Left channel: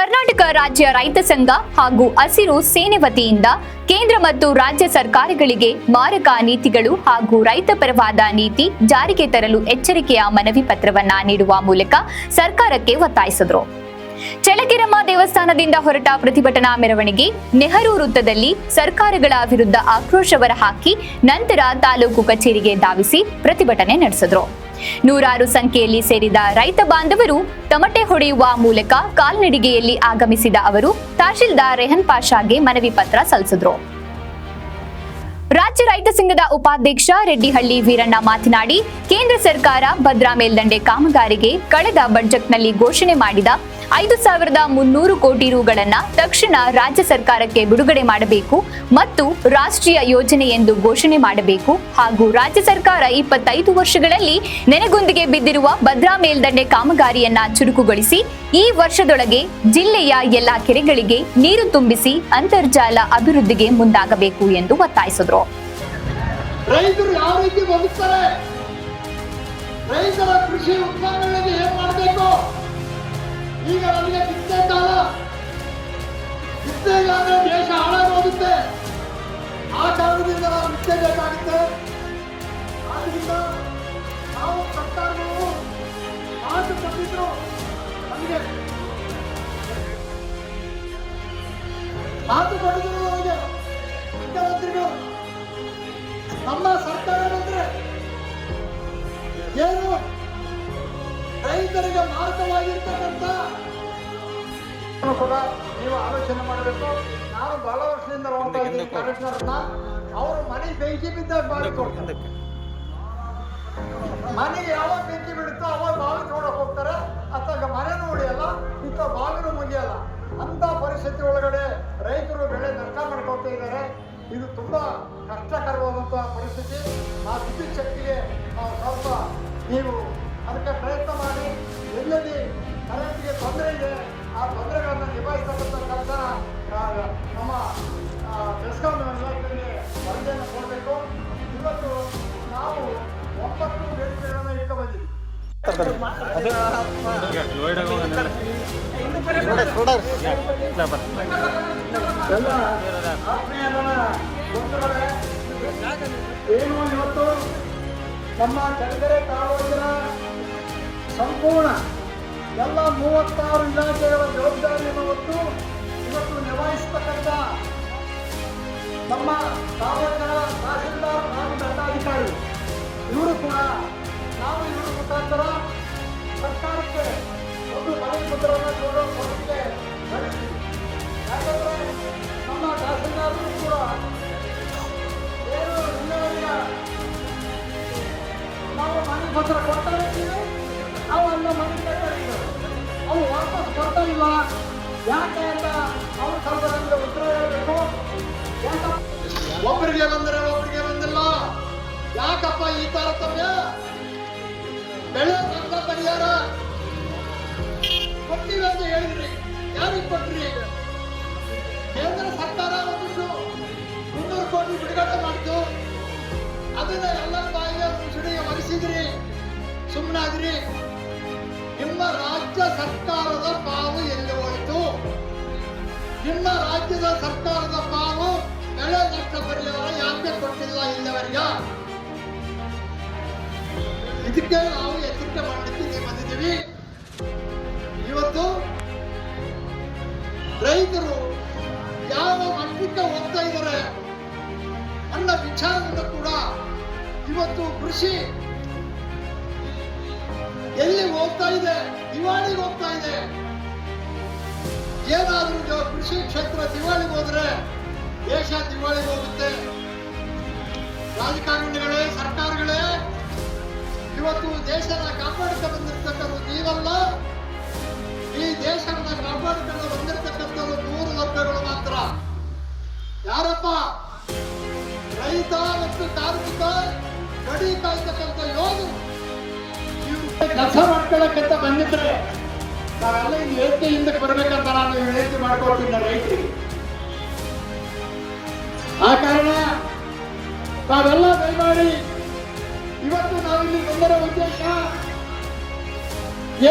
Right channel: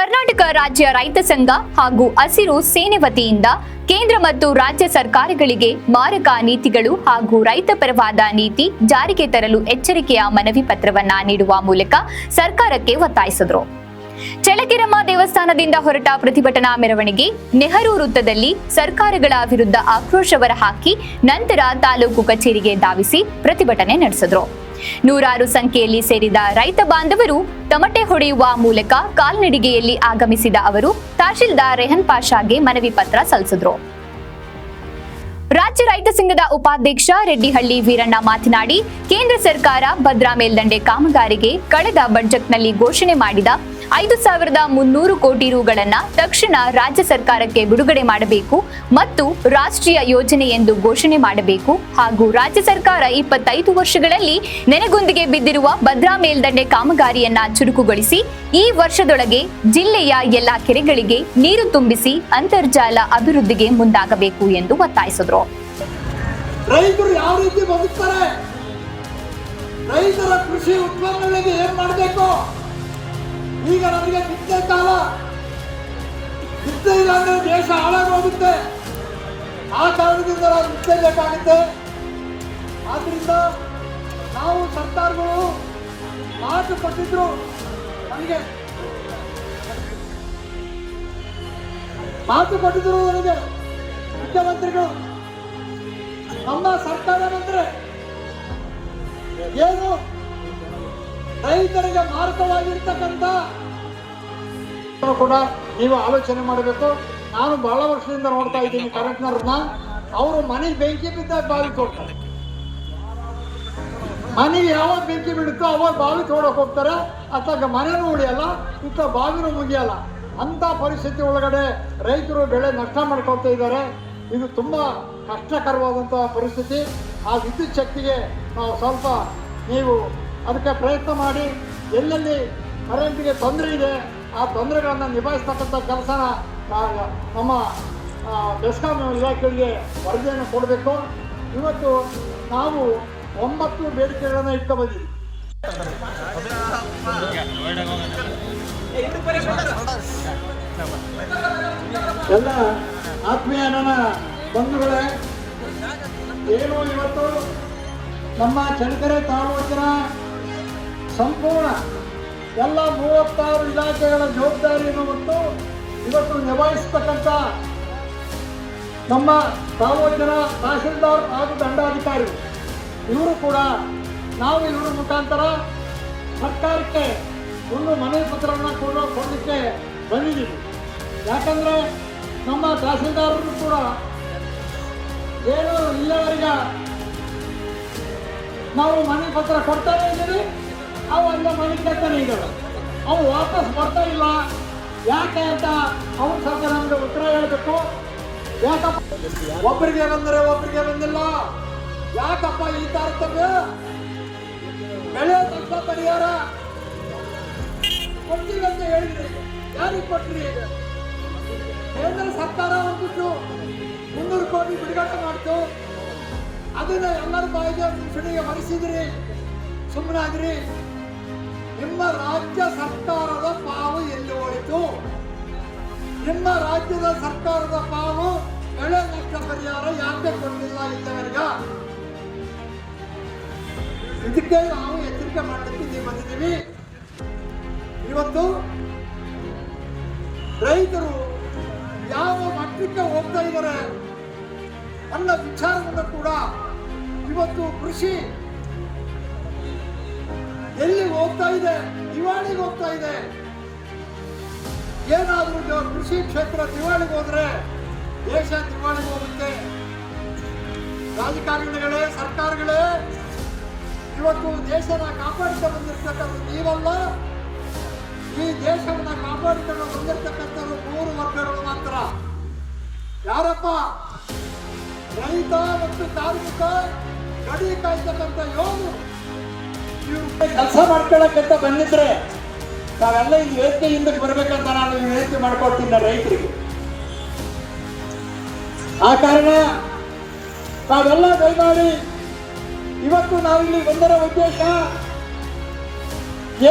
ಕರ್ನಾಟಕ ರಾಜ್ಯ ರೈತ ಸಂಘ ಹಾಗೂ ಹಸಿರು ಸೇನೆ ವತಿಯಿಂದ ಕೇಂದ್ರ ಮತ್ತು ರಾಜ್ಯ ಸರ್ಕಾರಗಳಿಗೆ ಮಾರಕ ನೀತಿಗಳು ಹಾಗೂ ರೈತ ಪರವಾದ ನೀತಿ ಜಾರಿಗೆ ತರಲು ಎಚ್ಚರಿಕೆಯ ಮನವಿ ಪತ್ರವನ್ನ ನೀಡುವ ಮೂಲಕ ಸರ್ಕಾರಕ್ಕೆ ಒತ್ತಾಯಿಸಿದರು. ಚಳ್ಳಕೆರಮ್ಮ ದೇವಸ್ಥಾನದಿಂದ ಹೊರಟ ಪ್ರತಿಭಟನಾ ಮೆರವಣಿಗೆ ನೆಹರು ವೃತ್ತದಲ್ಲಿ ಸರ್ಕಾರಗಳ ವಿರುದ್ಧ ಆಕ್ರೋಶ ಹೊರಹಾಕಿ ನಂತರ ತಾಲೂಕು ಕಚೇರಿಗೆ ಧಾವಿಸಿ ಪ್ರತಿಭಟನೆ ನಡೆಸಿದರು. ನೂರಾರು ಸಂಖ್ಯೆಯಲ್ಲಿ ಸೇರಿದ ರೈತ ಬಾಂಧವರು ತಮಟೆ ಹೊಡೆಯುವ ಮೂಲಕ ಕಾಲ್ನಡಿಗೆಯಲ್ಲಿ ಆಗಮಿಸಿದ ಅವರು ತಹಶೀಲ್ದಾರ್ ರೆಹನ್ ಪಾಷಾಗೆ ಮನವಿ ಪತ್ರ ಸಲ್ಲಿಸಿದರು. ರಾಜ್ಯ ರೈತ ಸಂಘದ ಉಪಾಧ್ಯಕ್ಷ ರೆಡ್ಡಿಹಳ್ಳಿ ವೀರಣ್ಣ ಮಾತನಾಡಿ, ಕೇಂದ್ರ ಸರ್ಕಾರ ಭದ್ರಾ ಮೇಲ್ದಂಡೆ ಕಾಮಗಾರಿಗೆ ಕಳೆದ ಬಜೆಟ್ನಲ್ಲಿ ಘೋಷಣೆ ಮಾಡಿದ 5,300 ಕೋಟಿ ರುಗಳನ್ನ ತಕ್ಷಣ ರಾಜ್ಯ ಸರ್ಕಾರಕ್ಕೆ ಬಿಡುಗಡೆ ಮಾಡಬೇಕು ಮತ್ತು ರಾಷ್ಟ್ರೀಯ ಯೋಜನೆ ಎಂದು ಘೋಷಣೆ ಮಾಡಬೇಕು ಹಾಗೂ ರಾಜ್ಯ ಸರ್ಕಾರ 25 ವರ್ಷಗಳಲ್ಲಿ ನೆನೆಗುಂದಿಗೆ ಬಿದ್ದಿರುವ ಭದ್ರಾ ಮೇಲ್ದಂಡೆ ಕಾಮಗಾರಿಯನ್ನ ಚುರುಕುಗೊಳಿಸಿ ಈ ವರ್ಷದೊಳಗೆ ಜಿಲ್ಲೆಯ ಎಲ್ಲಾ ಕೆರೆಗಳಿಗೆ ನೀರು ತುಂಬಿಸಿ ಅಂತರ್ಜಲ ಅಭಿವೃದ್ಧಿಗೆ ಮುಂದಾಗಬೇಕು ಎಂದು ಒತ್ತಾಯಿಸಿದರು. ರೈತರು ಯಾವ ರೀತಿ ಬದುಕ್ತಾರೆ, ರೈತರ ಕೃಷಿ ಉತ್ಪನ್ನಗಳಿಗೆ ಏನ್ ಮಾಡಬೇಕು, ಈಗ ನಮಗೆ ಬಿತ್ತನೆ ಕಾಲ, ಬಿತ್ತನೆಗಾದ್ರೆ ದೇಶ ಹಾಳಾಗೋಗುತ್ತೆ, ಆ ಕಾರಣದಿಂದ ನಾವು ಬಿತ್ತಬೇಕಾಗುತ್ತೆ. ಆದ್ರಿಂದ ನಾವು ಸರ್ಕಾರಗಳು ಮಾತು ಕೊಟ್ಟಿದ್ರು, ನಮಗೆ ಮಾತು ಕೊಟ್ಟಿದ್ರು, ನಮಗೆ ಮುಖ್ಯಮಂತ್ರಿಗಳು ನಮ್ಮ ಸರ್ಕಾರ ಬಂದ್ರೆ ಏನು ರೈತರಿಗೆ ಮಾರಕವಾಗಿರ್ತಕ್ಕಂಥ ಕೂಡ ನೀವು ಆಲೋಚನೆ ಮಾಡಬೇಕು. ನಾನು ಬಹಳ ವರ್ಷದಿಂದ ನೋಡ್ತಾ ಇದ್ದೀನಿ ಕರೆಕ್ಟ್ನವ್ರನ್ನ, ಅವರು ಮನೆಗೆ ಬೆಂಕಿ ಬಿದ್ದಾಗ ಬಾವಿ ತೋಡ್ತಾರೆ, ಮನೆಗೆ ಯಾವಾಗ ಬೆಂಕಿ ಬಿಡುತ್ತೋ ಅವಾಗ ಬಾವಿ ತೋಡಕ್ ಹೋಗ್ತಾರೆ, ಅಥವಾ ಮನೆನೂ ಉಳಿಯಲ್ಲ, ಇತ್ತ ಬಾವಿನೂ ಮುಗಿಯಲ್ಲ. ಅಂತ ಪರಿಸ್ಥಿತಿ ಒಳಗಡೆ ರೈತರು ಬೆಳೆ ನಷ್ಟ ಮಾಡ್ಕೊಳ್ತಾ ಇದ್ದಾರೆ. ಇದು ತುಂಬಾ ಕಷ್ಟಕರವಾದಂತಹ ಪರಿಸ್ಥಿತಿ. ಆ ವಿದ್ಯುತ್ ಶಕ್ತಿಗೆ ನಾವು ಸ್ವಲ್ಪ ನೀವು ಅದಕ್ಕೆ ಪ್ರಯತ್ನ ಮಾಡಿ, ಎಲ್ಲೆಲ್ಲಿ ಕರೆಂಟ್ಗೆ ತೊಂದರೆ ಇದೆ ಆ ತೊಂದರೆಗಳನ್ನು ನಿಭಾಯಿಸ್ತಕ್ಕಂಥ ಕೆಲಸನ ನಮ್ಮ ಬೆಸ್ಕಾಂ ಇಲಾಖೆಗಳಿಗೆ ವರದಿಯನ್ನು ಕೊಡಬೇಕು. ಇವತ್ತು ನಾವು 9 ಬೇಡಿಕೆಗಳನ್ನು ಇಟ್ಕೊ ಬಂದಿದ್ದೀವಿ. ಎಲ್ಲ ಆತ್ಮೀಯ ನನ್ನ ಬಂಧುಗಳೇ, ಏನು ಇವತ್ತು ನಮ್ಮ ಚಳ್ಳಕೆರೆ ತಾಲೂಕಿನ ಸಂಪೂರ್ಣ ಎಲ್ಲ 36 ಇಲಾಖೆಗಳ ಜವಾಬ್ದಾರಿಯನ್ನು ಹೊತ್ತು ಇವತ್ತು ನಿಭಾಯಿಸತಕ್ಕಂಥ ನಮ್ಮ ತಾಲೂಕಿನ ತಹಶೀಲ್ದಾರ್ ಹಾಗೂ ದಂಡಾಧಿಕಾರಿ ಇವರು ಕೂಡ ನಾವು ಇವರ ಮುಖಾಂತರ ಸರ್ಕಾರಕ್ಕೆ ಒಂದು ಮನವಿ ಪತ್ರವನ್ನು ಕೊಡಲಿಕ್ಕೆ ಬಂದಿದ್ದೀವಿ. ಯಾಕಂದರೆ ನಮ್ಮ ತಹಶೀಲ್ದಾರರು ಕೂಡ ಏನು ಇಲ್ಲಿವರೆಗೆ ನಾವು ಮನವಿ ಪತ್ರ ಕೊಡ್ತಾ ಇದ್ದೀವಿ, ಅವೆಲ್ಲ ಮನೆ ಕೇಳ್ತಾನೆ ಇದ್ದಾರೆ, ಅವು ವಾಪಸ್ ಬರ್ತಾ ಇಲ್ಲ. ಯಾಕೆ ಅಂತ ಅವ್ರು ಸ್ವಲ್ಪ ನಮಗೆ ಉತ್ತರ ಹೇಳಬೇಕು. ಯಾಕಪ್ಪ ಒಬ್ಬರಿಗೆ ಬಂದರೆ ಒಬ್ಬರಿಗೆ ಬಂದಿಲ್ಲ, ಯಾಕಪ್ಪ ಈ ತಾರತಮ್ಯ? ಬೆಳೆ ನಷ್ಟ ಪರಿಹಾರ ಕೊಡ್ತೀವಿ ಅಂತ ಹೇಳಿದ್ರಿ, ಯಾರಿಗೆ ಕೊಟ್ರಿ? ಕೇಂದ್ರ ಸರ್ಕಾರ ಒಂದಿಷ್ಟು 300 ಕೋಟಿ ಬಿಡುಗಡೆ ಮಾಡ್ತು, ಅದನ್ನ ಎಲ್ಲರ ಬಾಯಿಗೆ ಮುಸುಡಿಗೆ ಮರೆಸಿದ್ರಿ, ಸುಮ್ಮನಾದ್ರಿ. ನಿಮ್ಮ ರಾಜ್ಯ ಸರ್ಕಾರದ ಪಾಲು ಎಲ್ಲಿ ಹೋಯಿತು? ನಿಮ್ಮ ರಾಜ್ಯದ ಸರ್ಕಾರದ ಪಾಲು ಬೆಳೆ ನಷ್ಟ ಪರಿಹಾರ ಯಾಕೆ ಕೊಟ್ಟಿಲ್ಲ ಇಲ್ಲಿವರೆಗೆ? ಇದಕ್ಕೆ ನಾವು ಎಚ್ಚರಿಕೆ ಮಾಡಲಿಕ್ಕೆ ಬಂದಿದ್ದೀವಿ. ಇವತ್ತು ರೈತರು ಯಾವ ಮಟ್ಟಕ್ಕೆ ಹೋಗ್ತಾ ಇದ್ದಾರೆ ಅನ್ನೋ ವಿಚಾರದಿಂದ ಕೂಡ ಇವತ್ತು ಕೃಷಿ ಎಲ್ಲಿ ಹೋಗ್ತಾ ಇದೆ, ದಿವಾಳಿಗೆ ಹೋಗ್ತಾ ಇದೆ. ಏನಾದ್ರೂ ಕೃಷಿ ಕ್ಷೇತ್ರ ದಿವಾಳಿಗೆ ಹೋದ್ರೆ ದೇಶ ದಿವಾಳಿಗೆ ಹೋಗುತ್ತೆ. ರಾಜಕಾರಣಿಗಳೇ, ಸರ್ಕಾರಗಳೇ, ಇವತ್ತು ದೇಶನ ಕಾಪಾಡಿಕೊಂಡು ಬಂದಿರ್ತಕ್ಕಂಥ ನೀವಲ್ಲ, ಈ ದೇಶವನ್ನ ಕಾಪಾಡಿಕೊಂಡು ಬಂದಿರತಕ್ಕಂಥದ್ದು 3 ವರ್ಗಗಳು ಮಾತ್ರ. ಯಾರಪ್ಪ? ರೈತ ಮತ್ತು ಕಾರ್ಮಿಕ, ಗಡಿ ಕಾಯ್ತಕ್ಕಂಥ ಯೋಧರು. ಇವರು ಕೆಲಸ ಮಾಡ್ಕೊಳ್ಳೋಕ್ಕಿಂತ ಬಂದಿದ್ರೆ ನಾವೆಲ್ಲ ಈ ವೇದಿಕೆ ಹಿಂದಕ್ಕೆ ಬರ್ಬೇಕಂತ ನಾನು ವಿನಂತಿ ಮಾಡ್ಕೊಡ್ತೀನಿ ರೈತರಿಗೆ. ಆ ಕಾರಣ ನಾವೆಲ್ಲ ದಯಮಾಡಿ ಇವತ್ತು ನಾವಿಲ್ಲಿ ಬಂದರ ಉದ್ದೇಶ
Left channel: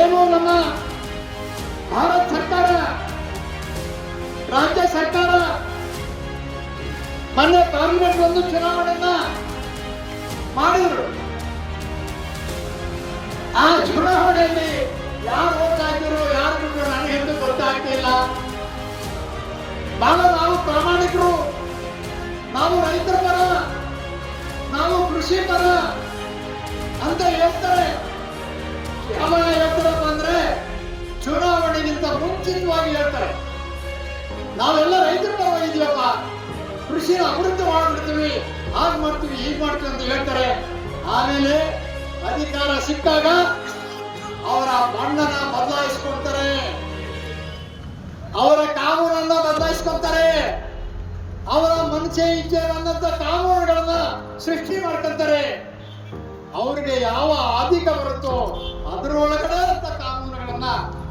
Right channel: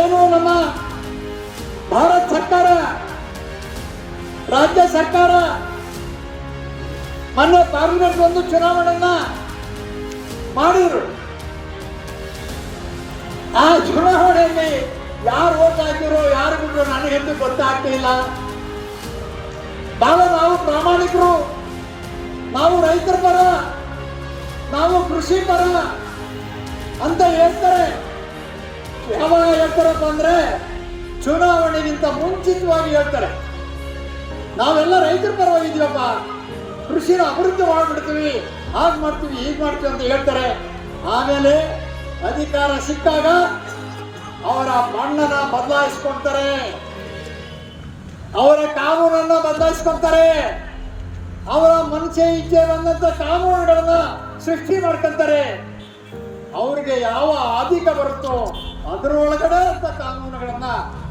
ಏನು, ನಮ್ಮ ಭಾರತ ಸರ್ಕಾರ ಮೊನ್ನೆ ಕಾಂಗ್ರೆಸ್ ಒಂದು ಚುನಾವಣೆಯನ್ನ ಮಾಡಿದ್ರು. ಆ ಚುನಾವಣೆಯಲ್ಲಿ ಯಾರು ಓಟ್ ಹಾಕಿರೋ ಯಾರು ಬಿಟ್ಟರು ನನಗೆಂದು ಗೊತ್ತಾಗ್ತಿಲ್ಲ. ಬಹಳ ನಾವು ಪ್ರಾಮಾಣಿಕರು, ನಾವು ರೈತರ ಪರ, ನಾವು ಕೃಷಿ ಪರ ಅಂತ ಹೇಳ್ತಾರೆ. ಯಾವಾಗ ಹೇಳ್ತಾರಪ್ಪ ಅಂದ್ರೆ ಚುನಾವಣೆಗಿಂತ ಮುಂಚಿತವಾಗಿ ಹೇಳ್ತಾರೆ, ನಾವೆಲ್ಲ ರೈತರ ಪರವಾಗಿದ್ದೀವಪ್ಪ, ಕೃಷಿನ ಅಭಿವೃದ್ಧಿ ಮಾಡ್ಬಿಡ್ತೀವಿ, ಹಾಗೆ ಮಾಡ್ತೀವಿ ಹೀಗೆ ಮಾಡ್ತೀವಿ ಅಂತ ಹೇಳ್ತಾರೆ. ಆಮೇಲೆ ಅಧಿಕಾರ ಸಿಕ್ಕಾಗ ಅವರ ಬಣ್ಣನ ಬದಲಾಯಿಸ್ಕೊಳ್ತಾರೆ, ಅವರ ಕಾನೂನನ್ನ ಬದಲಾಯಿಸ್ಕೊಳ್ತಾರೆ, ಅವರ ಮನಸ್ಸೆ ಇಚ್ಛೆ ಬಂದಂತ ಕಾನೂನುಗಳನ್ನ ಸೃಷ್ಟಿ ಮಾಡ್ಕೊಂತಾರೆ. ಅವ್ರಿಗೆ ಯಾವ ಆಧಿಕ ಬರುತ್ತೋ ಅದರೊಳಗಡೆ ಅಂತ ಕಾನೂನುಗಳನ್ನ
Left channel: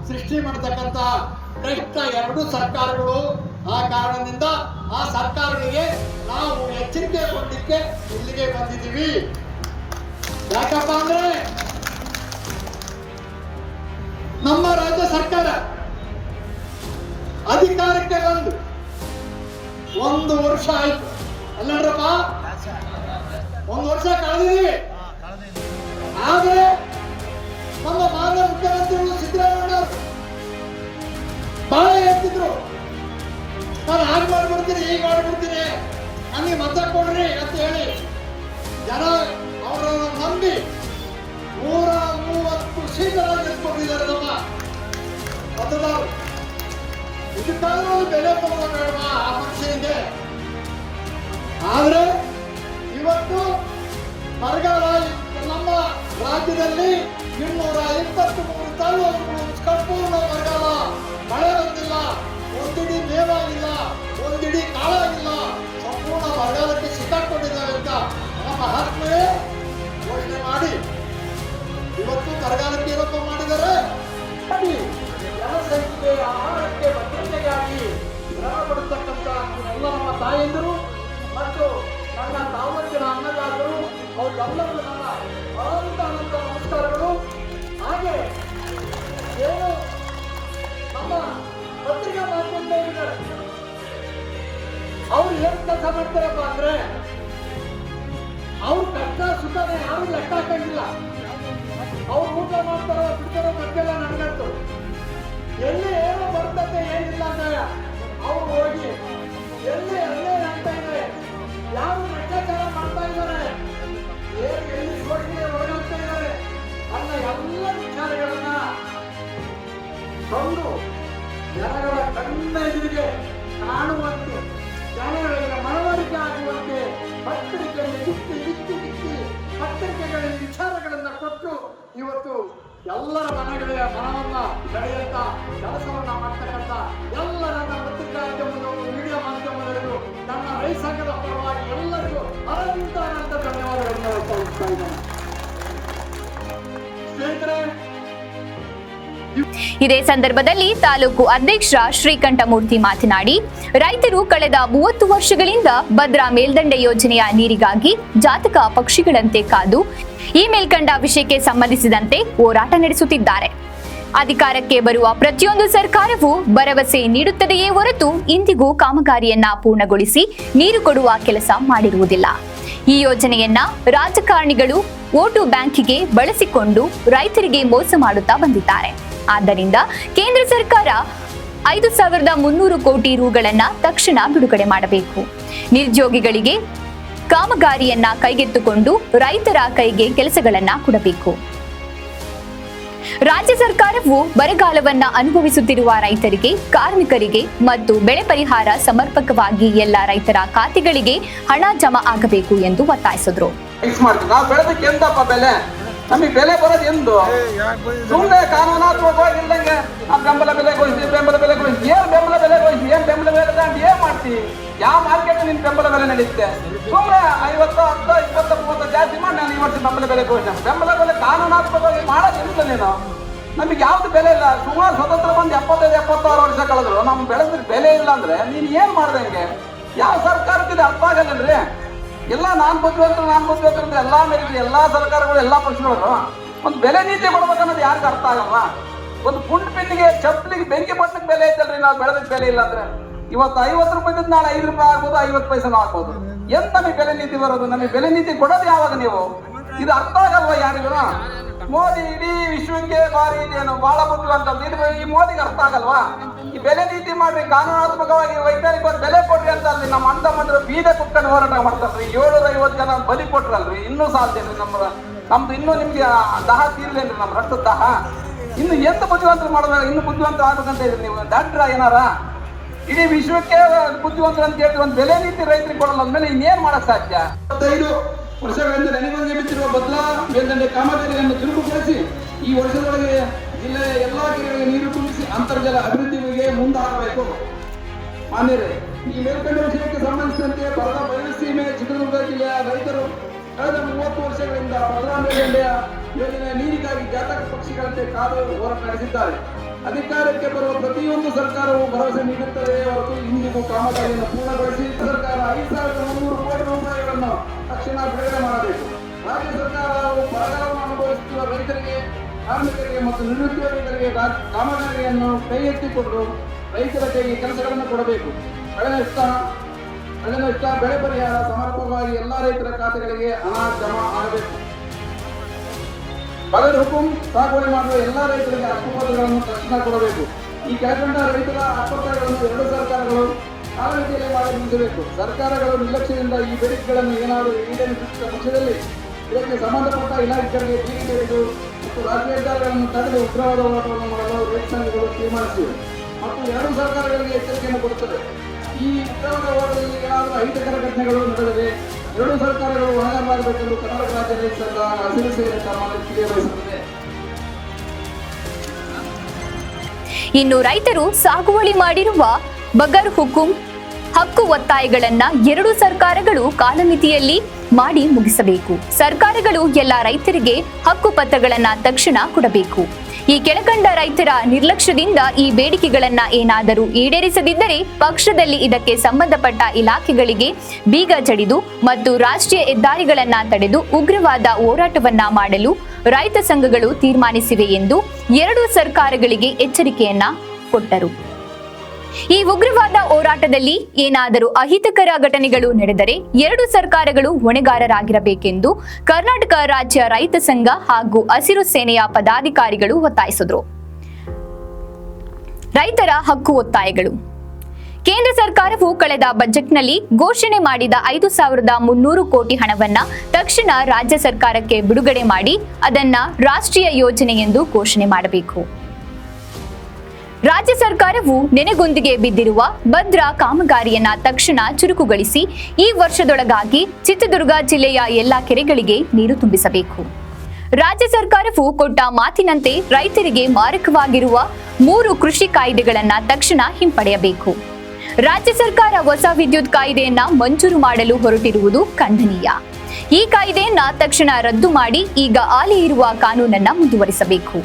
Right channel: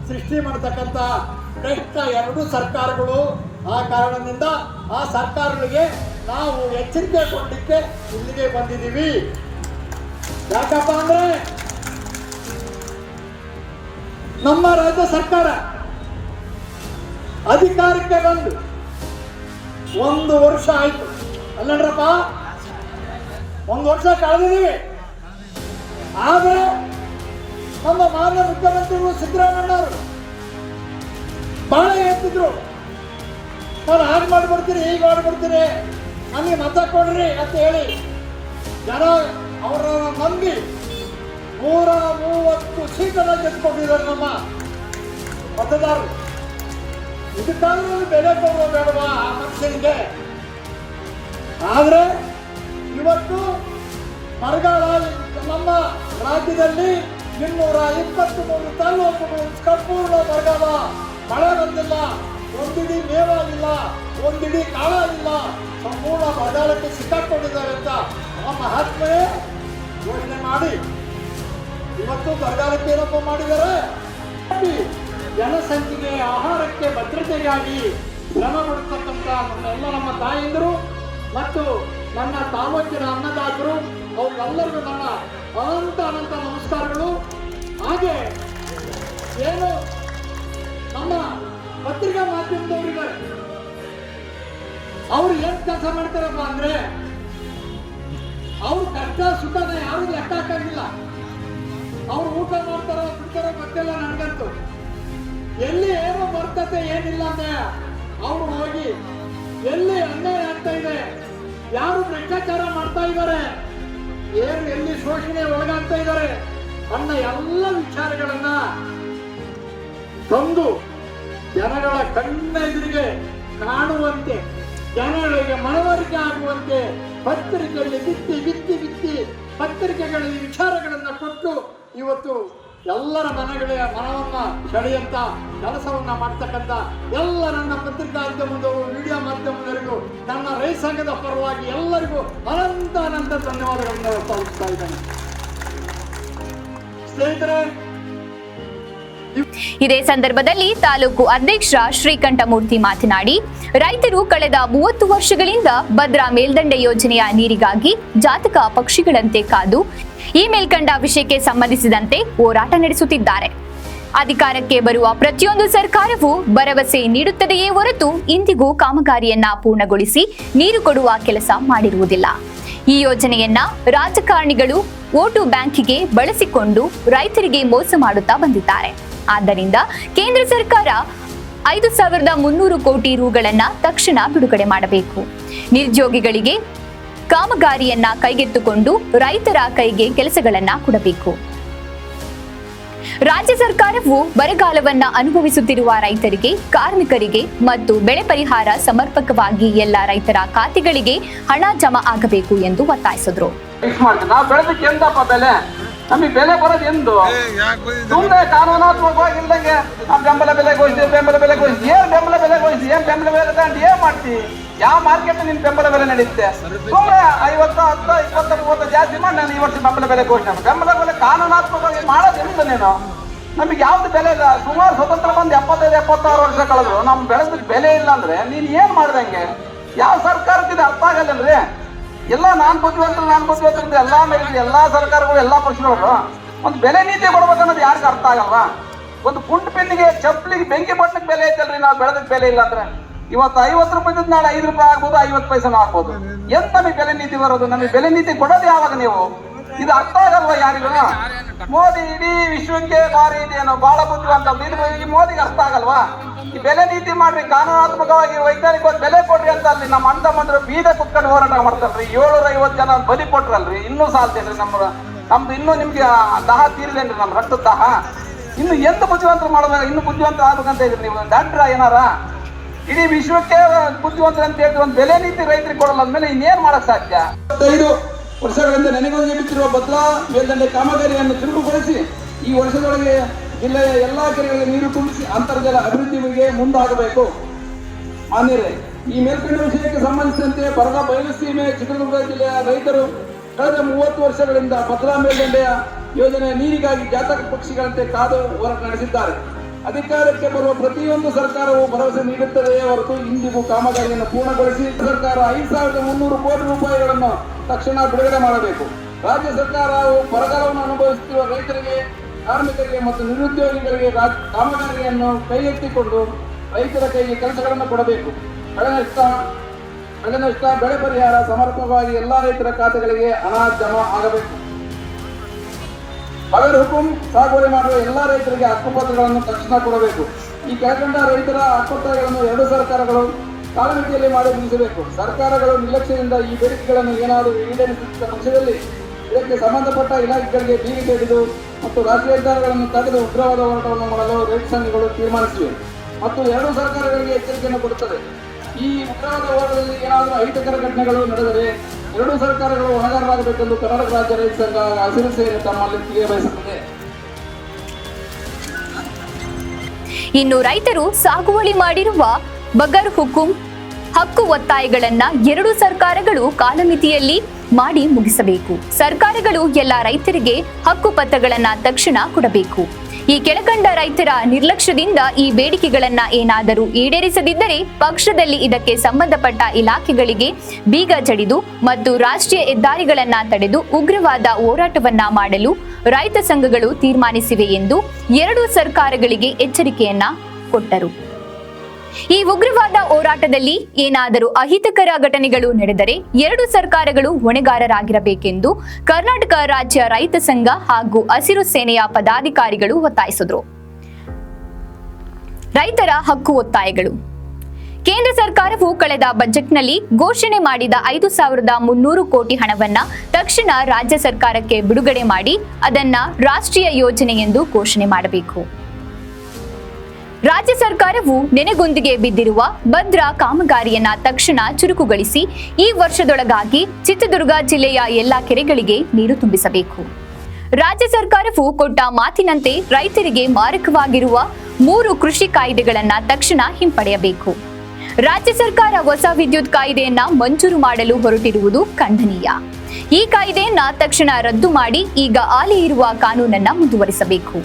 ಸೃಷ್ಟಿ ಮಾಡತಕ್ಕಂತ ಭ್ರಷ್ಟ ಎರಡು ಸರ್ಕಾರಗಳು. ಆ ಕಾರಣದಿಂದ ಆ ಸರ್ಕಾರಗಳಿಗೆ ನಾವು ಎಚ್ಚರಿಕೆ ಕೊಡಲಿಕ್ಕೆ ಇಲ್ಲಿಗೆ ಬಂದಿದ್ದೀವಿ. ಯಾಕಪ್ಪ ಅಂದ್ರೆ ನಮ್ಮ ರಾಜ್ಯ ಸರ್ಕಾರ ಅಧಿಕಾರಕ್ಕೆ ಬಂದು 1 ವರ್ಷ ಆಯ್ತು ಅಲ್ಲಡ್ರಪ್ಪ, 1 ವರ್ಷ ಕಳೆದಿದ್ದೀವಿ. ಆದ್ರೆ ನಮ್ಮ ಮಾನ್ಯ ಮುಖ್ಯಮಂತ್ರಿಗಳು ಸಿದ್ದರಾಮಯ್ಯವರು ಬಹಳ ಹೇಳ್ತಿದ್ರು, ನಾನು ಹಾಗೆ ಮಾಡ್ಬಿಡ್ತೀನಿ ಹೀಗೆ ಮಾಡ್ಬಿಡ್ತೀನಿ, ನಮಗೆ ಮತ ಕೊಡ್ರಿ ಅಂತ ಹೇಳಿ ಜನ ಅವರನ್ನ ನಂಬಿ 130 ಸೀಟನ್ನು ಗೆದ್ದುಕೊಂಡಿದ್ದಾರೆ ನಮ್ಮ ಮತದಾರರು. ಇದಕ್ಕಾದ್ರೂ ಬೆಲೆ ಕೊಡುವ ಬೇಡವಾ ಆ ಮನುಷ್ಯನಿಗೆ? ಆದ್ರೆ ಇವತ್ತು ಬರಗಾಲ ನಮ್ಮ ರಾಜ್ಯದಲ್ಲಿ 223 ತಾಲೂಕುಗಳು ಸಂಪೂರ್ಣ ಬರಗಾಲ, ಮಳೆ ಬಂದಿಲ್ಲ, ಒಂದಿಡಿ ಮೇವಾಗಿಲ್ಲ, ಒಂದಿಡಿ ಕಾಳಾಗಿಲ್ಲ, ಸಂಪೂರ್ಣ ಬರಗಾಲಕ್ಕೆ ಸಿಕ್ಕಾಕೊಂಡಿದ್ದಾವೆ ಅಂತ ಆ ಮಹಾತ್ಮೆ ಘೋಷಣೆ ಮಾಡಿ ಇವತ್ತು ಬರಗಾಲಕ್ಕೆ ಏನಪ್ಪ ಮಾಡಿದ್ದಾರೆ, ಜನಸಂಖ್ಯೆಗೆ ಆಹಾರಕ್ಕೆ ಭದ್ರತೆಗಾಗಿ ಶ್ರಮ ಮಾಡತಕ್ಕಂಥ ನಮ್ಮ ತಾಯಂದಿರು ಮತ್ತು ನನ್ನ ತಾಲೂಕಿನ ಅನ್ನದಾತರು ಅವ್ರಿಗೆಲ್ಲರಿಗೂ ನನ್ನ ಅನಂತ ನಮಸ್ಕಾರಗಳು. ಹಾಗೆ ಏನು ನಮ್ಮ ಪತ್ರಿಕಾ ಮಾಧ್ಯಮದವರಿದ್ದಾರೆ, ಅವ್ರು ಏನ್ ಕೆಲಸ ಮಾಡ್ತಾರಪ್ಪ ಅಂದ್ರೆ ಅವ್ರ ಕಷ್ಟ ಸುಖನ ಯಾರು ಲೆಕ್ಕ ಹಾಕಂಗಿಲ್ಲ. ಅವ್ರು ಊಟ ಮಾಡ್ತಾರೋ ಬಿಡ್ತಾರೋ ಗೊತ್ತಿಲ್ಲ ನನಗಂತೂ. ಎಲ್ಲಿ ಏನೋ ಬರ್ತತೆ ಏನಿಲ್ಲ ಅಂದ್ರೆ ಅವ್ರು ಹೋಗಿ ಎಲ್ಲಿ ಅನ್ಯಾಯ ಆಗ್ತಾ ಇದೆ, ಯಾರು ಭ್ರಷ್ಟಾಚಾರ ಮಾಡ್ತಾ ಇದ್ದಾರೆ, ಏನು ಎಲ್ಲಿ ಶೋಷಣೆ ಒಳಗಾಗ್ತಾ ಇದ್ದಾರೆ ಅನ್ನೋ ಎಲ್ಲ ವಿಚಾರಗಳನ್ನ ತಂದು ಜನಗಳ ಕಣ್ಣ ಎದುರಿಗೆ ಕಾಣುವಂತೆ, ಜನಗಳಿಗೆ ಮನವರಿಕೆ ಆಗುವಂತೆ ಪತ್ರಿಕೆಯಲ್ಲಿ ಬಿತ್ತಿ ಪತ್ರಿಕೆಗಳಲ್ಲಿ ವಿಚಾರಗಳನ್ನ ಕೊಟ್ಟು ಇವತ್ತು ಎಲ್ಲರ ಮನೆಗಳ ಮನವನ್ನ ಸೆಳೆಯಂತ ಕೆಲಸವನ್ನ ಮಾಡ್ತಕ್ಕಂಥ ಎಲ್ಲ ನನ್ನ ಪತ್ರಿಕಾ ಮಾಧ್ಯಮದವರು, ಮೀಡಿಯಾ ಮಾಧ್ಯಮದವರಿಗೂ, ನನ್ನ ರೈತ ಸಂಘದ ಪರವಾಗಿ ಎಲ್ಲರಿಗೂ ಅನಂತ ಧನ್ಯವಾದಗಳನ್ನು ಸಲ್ಲಿಸ್ತಾ ಇದ್ದೇನೆ. ಸ್ನೇಹಿತರೆ, ಇದೇ ಸಂದರ್ಭದಲ್ಲಿ ತಾಲೂಕು ಅಧ್ಯಕ್ಷ ಶ್ರೀಕಂಠಮೂರ್ತಿ ಮಾತನಾಡಿ, ರೈತರು ಕಳೆದ 30 ವರ್ಷಗಳಿಂದ ಭದ್ರಾ ಮೇಲ್ದಂಡೆ ಯೋಜನೆಯ ನೀರಿಗಾಗಿ ಜಾತಕ ಪಕ್ಷಿಗಳಂತೆ ಕಾದು ಈ ಮೇಲ್ಕಂಡ ವಿಷಯಕ್ಕೆ ಸಂಬಂಧಿಸಿದಂತೆ ಹೋರಾಟ ನಡೆಸುತ್ತಿದ್ದಾರೆ. ಅಧಿಕಾರಕ್ಕೆ ಬರುವ ಪ್ರತಿಯೊಂದು ಸರ್ಕಾರವೂ ಭರವಸೆ ನೀಡುತ್ತದೆಯೇ ಹೊರತು ಇಂದಿಗೂ ಕಾಮಗಾರಿಯನ್ನ ಪೂರ್ಣಗೊಳಿಸಿ ನೀರು ಕೊಡುವ ಕೆಲಸ ಮಾಡಿರುವುದಿಲ್ಲ. ಈ ಯೋಜನೆಯನ್ನ ರಾಜಕಾರಣಿಗಳು ವೋಟು ಬ್ಯಾಂಕಿಗೆ ಬಳಸಿಕೊಂಡು ರೈತರಿಗೆ ಮೋಸ ಮಾಡುತ್ತಾ ಬಂದಿದ್ದಾರೆ. ಆದ್ದರಿಂದ ಕೇಂದ್ರ ಸರ್ಕಾರ 5,300 ಕೋಟಿ ರುಗಳನ್ನ ತಕ್ಷಣ ಬಿಡುಗಡೆ ಮಾಡಬೇಕು. ನಿರುದ್ಯೋಗಿಗಳಿಗೆ ಕಾಮಗಾರಿಯನ್ನ ಕೈಗೆತ್ತಿಕೊಂಡು ರೈತರ ಕೈಗೆ ಕೆಲಸಗಳನ್ನ ಕೊಡಬೇಕು. ರಾಜ್ಯ ಸರ್ಕಾರವು ಬರಗಾಲವನ್ನ ಅನುಭವಿಸುತ್ತಿರುವ ರೈತರಿಗೆ, ಕಾರ್ಮಿಕರಿಗೆ ಮತ್ತು ಬೆಳೆ ಪರಿಹಾರ ಸಮರ್ಪಕವಾಗಿ ಎಲ್ಲ ರೈತರ ಖಾತೆಗಳಿಗೆ ಹಣ ಜಮಾ ಆಗಬೇಕು ಎಂದು ಒತ್ತಾಯಿಸಿದರು. ನಮಗೆ ಬೆಲೆ ಬರೋದು ಎಂದು ಸುಮ್ಮನೆ ಕಾನೂನಾತ್ಮಕವಾಗಿ ಇಲ್ದಂಗೆ ಬೆಂಬಲ ಬೆಲೆ ಘೋಷಿಸಿ ಏನ್ ಬೆಂಬಲ ಬೆಲೆ ಘೋಷಿಸಿ ಏನ್ ಬೆಂಬಲ ಬೆಲೆ ತಗೊಂಡು ಏನ್ ಮಾಡ್ತೀವಿ? ಯಾವ ಮಾರ್ಕೆಟ್ ನಿನ್ ಬೆಂಬಲ ಬೆಲೆ ನಡೆಯುತ್ತೆ? ಸುಮ್ಮನೆ 50, 10, 20, 30 ಜಾಸ್ತಿ ಮಾಡಿ ನಾನು ಈ ವರ್ಷ ಬೆಂಬಲ ಬೆಲೆ ಘೋಷಣೆ. ಬೆಂಬಲ ಬೆಲೆ ಕಾನೂನಾತ್ಮಕವಾಗಿ ಮಾಡೋದು ಇಲ್ಲ. ನೀನು ನಮಗೆ ಯಾವ್ದು ಬೆಲೆ ಇಲ್ಲ. ಸುಮಾರು ಸ್ವತಂತ್ರ ಬಂದು 75-76 ವರ್ಷ ಕಳೆದ್ರು ನಮ್ ಬೆಳೆದ ಬೆಲೆ ಇಲ್ಲ ಅಂದ್ರೆ ನೀನ್ ಏನ್ ಮಾಡ್ದಂಗೆ? ಯಾವ ಸರ್ಕಾರಕ್ಕೆ ಅರ್ಥ ಆಗಲ್ಲಂದ್ರೆ ಎಲ್ಲ ನಾನ್ ಬುದ್ಧಿವಂತರು ಎಲ್ಲಾ ಮೇಲೆ ಎಲ್ಲಾ ಸರ್ಕಾರಗಳು ಎಲ್ಲಾ ಪಕ್ಷದವರು ಒಂದು ಬೆಲೆ ನೀತಿ ಕೊಡ್ಬೇಕನ್ನೋದು ಯಾರಿಗೂ ಅರ್ಥ ಆಗಲ್ವಾ? ಒಂದು ಪುಂಡ್ ಪಿನ್ನಿಗೆ ಚಪ್ಪಲಿಗೆ ಬೆಂಕಿ ಪಟ್ಟಕ್ಕೆ ಬೆಲೆ ಐತಲ್ರಿ, ನಾವು ಬೆಳೆದ ಬೆಲೆ ಇಲ್ಲ ಅಂದ್ರೆ ಇವತ್ತು 50 ರೂಪಾಯಿ ನಾಳೆ 5 ರೂಪಾಯಿ ಆಗ್ಬೋದು, 50 ಪೈಸೆನೂ ಆಗ್ಬೋದು. ಎಂತ ನಮಗೆ ಬೆಲೆ ನೀತಿ ಬರೋದು? ನಮಗೆ ಬೆಲೆ ನೀತಿ ಕೊಡೋದು ಯಾವಾಗ ನೀವು? ಇದು ಅರ್ಥ ಆಗಲ್ವಾ ಯಾರಿಗೂ? ಮೋದಿ ಇಡೀ ವಿಶ್ವಕ್ಕೆ ಭಾರಿ ಇದೆಯೇನೋ, ಬಹಳ ಬುದ್ಧಿವಂತ. ಇದು ಈ ಮೋದಿಗೆ ಅರ್ಥ ಆಗಲ್ವಾ? ಈ ಬೆಲೆ ನೀತಿ ಮಾಡ್ರಿ, ಕಾನೂನಾತ್ಮಕವಾಗಿ ವೈಜ್ಞಾನಿಕವಾಗಿ ಬೆಲೆ ಕೊಡ್ರಿ ಅಂತ ಅಲ್ಲಿ ನಮ್ಮ ಅಣ್ಣ ತಮ್ಮಂದ್ರು ಬೀದ ಕುತ್ಕೊಂಡು ಹೋರಾಟ ಮಾಡ್ತಾರ್ರಿ. 750 ಜನ ಬಲಿ ಕೊಟ್ರಲ್ರಿ. ಇನ್ನೂ ಸಾಲ್ತೇನ್ರಿ ನಮ್ದು ಇನ್ನೂ ನಿಮ್ಗೆ ದಾಹ ತೀರಿದೇನ್ರಿ, ನಮ್ಮ ರಕ್ತದ ದಾಹ. ಇನ್ನು ಎಂತ ಬುದ್ಧಿವಂತರು ಮಾಡೋದಾಗ ಇನ್ನು ಬುದ್ಧಿವಂತ ಆಗ್ಬೇಕಂತ ಇದ್ರಿ ನೀವು ಡಾಕ್ಟ್ರ ಏನಾರ? ಇಡೀ ವಿಶ್ವಕ್ಕೆ ಬುದ್ಧಿವಂತರು ಅಂತ ಹೇಳಿ ಒಂದು ಬೆಲೆ ನೀತಿ ರೈತರಿಗೆ ಕೊಡಲ್ಲ ಅಂದ್ಮೇಲೆ ಇನ್ನೇನ್ ಮಾಡಕ್ ಸಾಧ್ಯ? 5 ವರ್ಷಗಳಿಂದ ನೆನೆಗೊಂದು ನೀಡುತ್ತಿರುವ ಭದ್ರಾ ಮೇಲ್ದಂಡೆ ಕಾಮಗಾರಿಯನ್ನು ಚುರುಕುಗೊಳಿಸಿ ಈ ವರ್ಷದೊಳಗೆ ಜಿಲ್ಲೆಯ ಎಲ್ಲಾ ಕೆರೆಗಳಿಗೆ ನೀರು ತುಂಬಿಸಿ ಅಂತರ್ಜಲ ಅಭಿವೃದ್ಧಿಗೆ ಮುಂದಾಗಬೇಕು. ಮಾನ್ಯರೇ, ಈ ಮೇಲ್ಕಂಡ ವಿಷಯಕ್ಕೆ ಸಂಬಂಧಿಸಿದಂತೆ ಬರದ ಬಯಲುಸೀಮೆ ಚಿತ್ರದುರ್ಗ ಜಿಲ್ಲೆಯ ರೈತರು ಕಳೆದ 30 ವರ್ಷಗಳಿಂದ ಭದ್ರಾ ಮೇಲ್ದಂಡೆಯ ಯೋಜನೆಯ ನೀರಿಗಾಗಿ ಜಾತಕ ಪಕ್ಷಿಗಳಂತೆ ಕಾದು ಹೋರಾಟ ನಡೆಸಿದ್ದಾರೆ. ಅಧಿಕಾರಕ್ಕೆ ಬರುವ ಪ್ರತಿಯೊಂದು ಸರ್ಕಾರವು ಭರವಸೆ ನೀಡುತ್ತದೆಯೇ ಹೊರತು ಇಂದಿಗೂ ಕಾಮಗಾರಿಯನ್ನು ಪೂರ್ಣಗೊಳಿಸಿ ಸರ್ಕಾರ 5,300 ಕೋಟಿ ರೂಪಾಯಿಗಳನ್ನು ತಕ್ಷಣ ಬಿಡುಗಡೆ ಮಾಡಬೇಕು. ರಾಜ್ಯ ಸರ್ಕಾರವು ಬರಗಾಲವನ್ನು ಅನುಭವಿಸುತ್ತಿರುವ ರೈತರಿಗೆ, ಕಾರ್ಮಿಕರಿಗೆ ಮತ್ತು ನಿರುದ್ಯೋಗಿಗಳಿಗೆ ಕಾಮಗಾರಿಯನ್ನು ಕೈ ಎತ್ತಿಕೊಂಡು ರೈತರ ಕೈಗೆ ಕೆಲಸಗಳನ್ನು ಕೊಡಬೇಕು. ಬೆಳೆ ನಷ್ಟ, ಬೆಳೆ ಪರಿಹಾರ ಸಮರ್ಪಕವಾಗಿ ಎಲ್ಲಾ ರೈತರ ಖಾತೆಗಳಿಗೆ ಹಣ ಜಮಾ ಆಗಬೇಕು. ಬಗರ್ ಹುಕುಂ ಸಾಗುವಳಿ ಮಾಡುವ ಎಲ್ಲಾ ರೈತರಿಗೆ ಹಕ್ಕುಪತ್ರಗಳನ್ನು ತಕ್ಷಣ ಕೊಡಬೇಕು. ಈ ಕೆಳಕಂಡ ರೈತರ ಹಕ್ಕುಪತ್ರಗಳನ್ನು 2 ಸರ್ಕಾರಗಳು ಕಾಲಮಿತಿಯಲ್ಲಿ ಮಾಡಿ ಮುಗಿಸಬೇಕು. ಸರ್ಕಾರಗಳು ನಿರ್ಲಕ್ಷ್ಯದಿಂದ ಈ ಬೇಡಿಕೆಗಳನ್ನು ಏನಾದರೂ ಈಡೇರಿಸುವ ಅಂಶದಲ್ಲಿ ಇದಕ್ಕೆ ಸಂಬಂಧಪಟ್ಟ ಇಲಾಖೆಗಳಿಗೆ ಬೀಗಿ ಹಿಡಿದು ಮತ್ತು ರಾಜ್ಯ ಹೆದ್ದಾರಿಗಳನ್ನು ತಡೆದು ಉಗ್ರವಾದ ಹೋರಾಟವನ್ನು ಮಾಡಲು ರೈತ ಸಂಘಗಳು ತೀರ್ಮಾನಿಸಿವೆ ಮತ್ತು 2 ಸರ್ಕಾರಗಳಿಗೆ ಎಚ್ಚರಿಕೆಯನ್ನು ಕೊಡುತ್ತದೆ. ಈ ಉಗ್ರವಾದ ಹೋರಾಟದಲ್ಲಿ ಏನಾದರೂ ಅಹಿತಕರ ಘಟನೆಗಳು ನಡೆದರೆ 2 ಸರ್ಕಾರಗಳು ಹೊಣೆಗಾರರಾಗಬೇಕೆಂದು ಕರ್ನಾಟಕ ರಾಜ್ಯ ರೈತ ಸಂಘ ಹಸಿರು ಸೇನೆ ತಮ್ಮಲ್ಲಿ ತಿಳಿಯಬಯಸುತ್ತದೆ. ಇನ್ನು ರೈತರು ಸಾಗುವಳಿ ಮಾಡಿರುವ ಬಗರ್ ಹುಕುಂ ಹಕ್ಕು ಒತ್ತಾಯಗಳನ್ನ 2 ಸರ್ಕಾರಗಳು ಕಾಲಮಿತಿಯಲ್ಲಿ ಮಾಡಿ ಮುಗಿಸಬೇಕು. ಸರ್ಕಾರಗಳು ಎಲ್ಲ ರೈತರಿಗೆ ಹಕ್ಕು ಪತ್ರಗಳನ್ನ ತಕ್ಷಣ ಕೊಡಬೇಕು. ಈ ಕೆಳಕಂಡ ರೈತರ ನಿರ್ಲಕ್ಷ್ಯದಿಂದ ಈ ಬೇಡಿಕೆಗಳನ್ನ ಏನಾದರೂ ಈಡೇರಿಸದಿದ್ದರೆ ಪಕ್ಷದಲ್ಲಿ ಇದಕ್ಕೆ ಸಂಬಂಧಪಟ್ಟ ಇಲಾಖೆಗಳಿಗೆ ಬೀಗ ಜಡಿದು ಮತ್ತು ರಾಷ್ಟ್ರೀಯ ಹೆದ್ದಾರಿಗಳನ್ನ ತಡೆದು ಉಗ್ರವಾದ ಹೋರಾಟವನ್ನ ಮಾಡಲು ರೈತ ಸಂಘಗಳು ತೀರ್ಮಾನಿಸಿವೆ ಎಂದು 2 ಸರ್ಕಾರಗಳಿಗೆ ಎಚ್ಚರಿಕೆಯನ್ನ ಕೊಟ್ಟರು. ಈ ಉಗ್ರವಾದ ಹೋರಾಟದಲ್ಲಿ ಏನಾದರೂ ಅಹಿತಕರ ಘಟನೆಗಳು ನಡೆದರೆ 2 ಸರ್ಕಾರಗಳು ಹೊಣೆಗಾರರಾಗಿರಬೇಕೆಂದು ಕರ್ನಾಟಕ ರಾಜ್ಯ ರೈತ ಸಂಘ ಹಾಗೂ ಹಸಿರು ಸೇನೆಯ ಪದಾಧಿಕಾರಿಗಳು ಒತ್ತಾಯಿಸಿದರು. ರೈತರ ಹಕ್ಕು ಒತ್ತಾಯಗಳು. ಕೇಂದ್ರ ಸರ್ಕಾರವು ಕಳೆದ ಬಜೆಟ್ನಲ್ಲಿ ಘೋಷಣೆ ಮಾಡಿದ 5,300 ಕೋಟಿ ಹಣವನ್ನ ತಕ್ಷಣ ರಾಜ್ಯ ಸರ್ಕಾರಕ್ಕೆ ಬಿಡುಗಡೆ ಮಾಡಿ ಅದನ್ನ ರಾಷ್ಟ್ರೀಯ ಯೋಜನೆ ಎಂದು ಘೋಷಣೆ ಮಾಡಬೇಕು. ರಾಜ್ಯ ಸರ್ಕಾರವು ನೆನೆಗುಂದಿಗೆ ಬಿದ್ದಿರುವ ಭದ್ರಾ ಕಾಮಗಾರಿಯನ್ನ ತಕ್ಷಣ ಚುರುಕುಗೊಳಿಸಿ ಈ ವರ್ಷದೊಳಗಾಗಿ ಚಿತ್ರದುರ್ಗ ಜಿಲ್ಲೆಯ ಎಲ್ಲಾ ಕೆರೆಗಳಿಗೆ ನೀರು ತುಂಬಿಸಬೇಕು. ರಾಜ್ಯ ಸರ್ಕಾರವು ಕೊಟ್ಟ ಮಾತಿನಂತೆ ರೈತರಿಗೆ ಮಾರಕವಾಗಿರುವ 3 ಕೃಷಿ ಕಾಯ್ದೆಗಳನ್ನ ತಕ್ಷಣ ಹಿಂಪಡೆಯಬೇಕು. ರಾಜ್ಯ ಸರ್ಕಾರ ಹೊಸ ವಿದ್ಯುತ್ ಕಾಯ್ದೆಯನ್ನ ಮಂಜೂರು ಮಾಡಲು ಹೊರಟಿರುವುದು ಖಂಡನೀಯ. ಈ ಕಾಯ್ದೆಯನ್ನ ತಕ್ಷಣ ರದ್ದು ಮಾಡಿ ಈಗ ಹಾಲಿ ಇರುವ ಕಾನೂನನ್ನ ಮುಂದುವರಿಸಬೇಕು.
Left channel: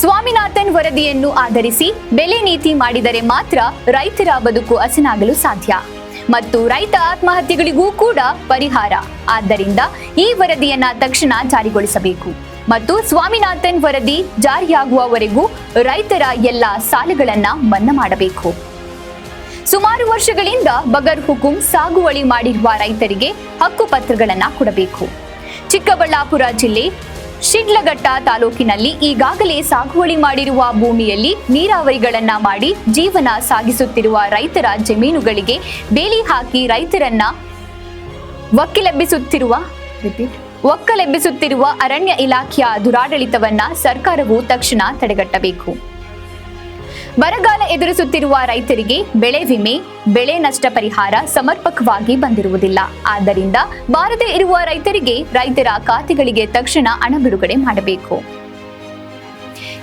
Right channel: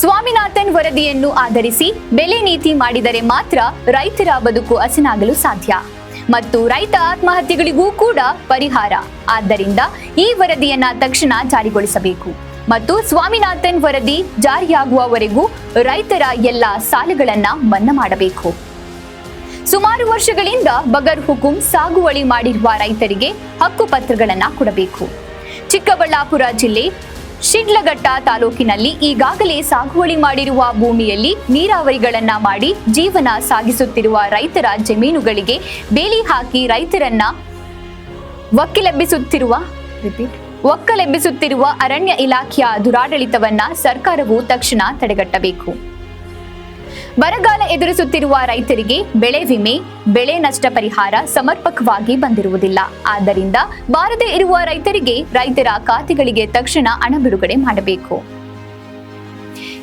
ಸ್ವಾಮಿನಾಥನ್ ವರದಿಯನ್ನು ಆಧರಿಸಿ ಬೆಲೆ ನೀತಿ ಮಾಡಿದರೆ ಮಾತ್ರ ರೈತರ ಬದುಕು ಹಸನಾಗಲು ಸಾಧ್ಯ ಮತ್ತು ರೈತ ಆತ್ಮಹತ್ಯೆಗಳಿಗೂ ಕೂಡ ಪರಿಹಾರ. ಆದ್ದರಿಂದ ಈ ವರದಿಯನ್ನ ತಕ್ಷಣ ಜಾರಿಗೊಳಿಸಬೇಕು ಮತ್ತು ಸ್ವಾಮಿನಾಥನ್ ವರದಿ ಜಾರಿಯಾಗುವವರೆಗೂ ರೈತರ ಎಲ್ಲ ಸಾಲಗಳನ್ನ ಮನ್ನಾ ಮಾಡಬೇಕು. ಸುಮಾರು ವರ್ಷಗಳಿಂದ ಬಗರ್ ಹುಕುಂ ಸಾಗುವಳಿ ಮಾಡಿರುವ ರೈತರಿಗೆ ಹಕ್ಕು ಪತ್ರಗಳನ್ನ ಕೊಡಬೇಕು. ಚಿಕ್ಕಬಳ್ಳಾಪುರ ಜಿಲ್ಲೆ ಶಿಡ್ಲಘಟ್ಟ ತಾಲೂಕಿನಲ್ಲಿ ಈಗಾಗಲೇ ಸಾಗುವಳಿ ಮಾಡಿರುವ ಭೂಮಿಯಲ್ಲಿ ನೀರಾವರಿಗಳನ್ನ ಮಾಡಿ ಜೀವನ ಸಾಗಿಸುತ್ತಿರುವ ರೈತರ ಜಮೀನುಗಳಿಗೆ ಬೇಲಿ ಹಾಕಿ ರೈತರನ್ನ ಒಕ್ಕಲೆಬ್ಬಿಸುತ್ತಿರುವ ಅರಣ್ಯ ಇಲಾಖೆಯ ದುರಾಡಳಿತವನ್ನ ಸರ್ಕಾರವು ತಕ್ಷಣ ತಡೆಗಟ್ಟಬೇಕು. ಬರಗಾಲ ಎದುರಿಸುತ್ತಿರುವ ರೈತರಿಗೆ ಬೆಳೆ ವಿಮೆ, ಬೆಳೆ ನಷ್ಟ ಪರಿಹಾರ ಸಮರ್ಪಕವಾಗಿ ಬಂದಿರುವುದಿಲ್ಲ. ಆದ್ದರಿಂದ ಬಾರದೇ ಇರುವ ರೈತರಿಗೆ ರೈತರ ಖಾತೆಗಳಿಗೆ ತಕ್ಷಣ ಹಣ ಬಿಡುಗಡೆ ಮಾಡಬೇಕು.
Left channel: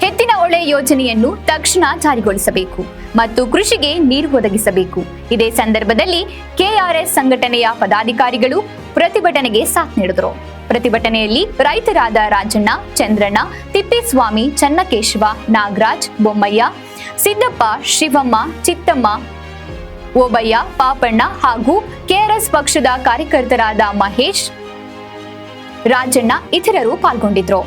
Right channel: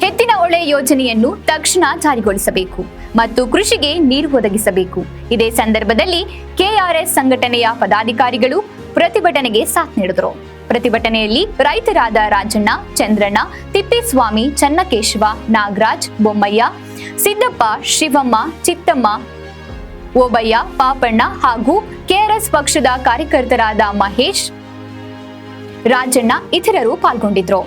ಎತ್ತಿನ ಹೊಳೆ ಯೋಜನೆಯನ್ನು ತಕ್ಷಣ ಜಾರಿಗೊಳಿಸಬೇಕು ಮತ್ತು ಕೃಷಿಗೆ ನೀರು ಒದಗಿಸಬೇಕು. ಇದೇ ಸಂದರ್ಭದಲ್ಲಿ ಕೆಆರ್ಎಸ್ ಸಂಘಟನೆಯ ಪದಾಧಿಕಾರಿಗಳು ಪ್ರತಿಭಟನೆಗೆ ಸಾಥ್ ನೀಡಿದರು. ಪ್ರತಿಭಟನೆಯಲ್ಲಿ ರೈತರಾದ ರಾಜಣ್ಣ, ಚಂದ್ರಣ್ಣ, ತಿಪ್ಪೇಸ್ವಾಮಿ, ಚನ್ನಕೇಶವ, ನಾಗರಾಜ್, ಬೊಮ್ಮಯ್ಯ, ಸಿದ್ದಪ್ಪ, ಶಿವಮ್ಮ, ಚಿತ್ತಮ್ಮ, ಓಬಯ್ಯ, ಪಾಪಣ್ಣ ಹಾಗೂ ಕೆಆರ್ಎಸ್ ಪಕ್ಷದ ಕಾರ್ಯಕರ್ತರಾದ ಮಹೇಶ್, ರಾಜಣ್ಣ ಇತರರು ಪಾಲ್ಗೊಂಡಿದ್ರು.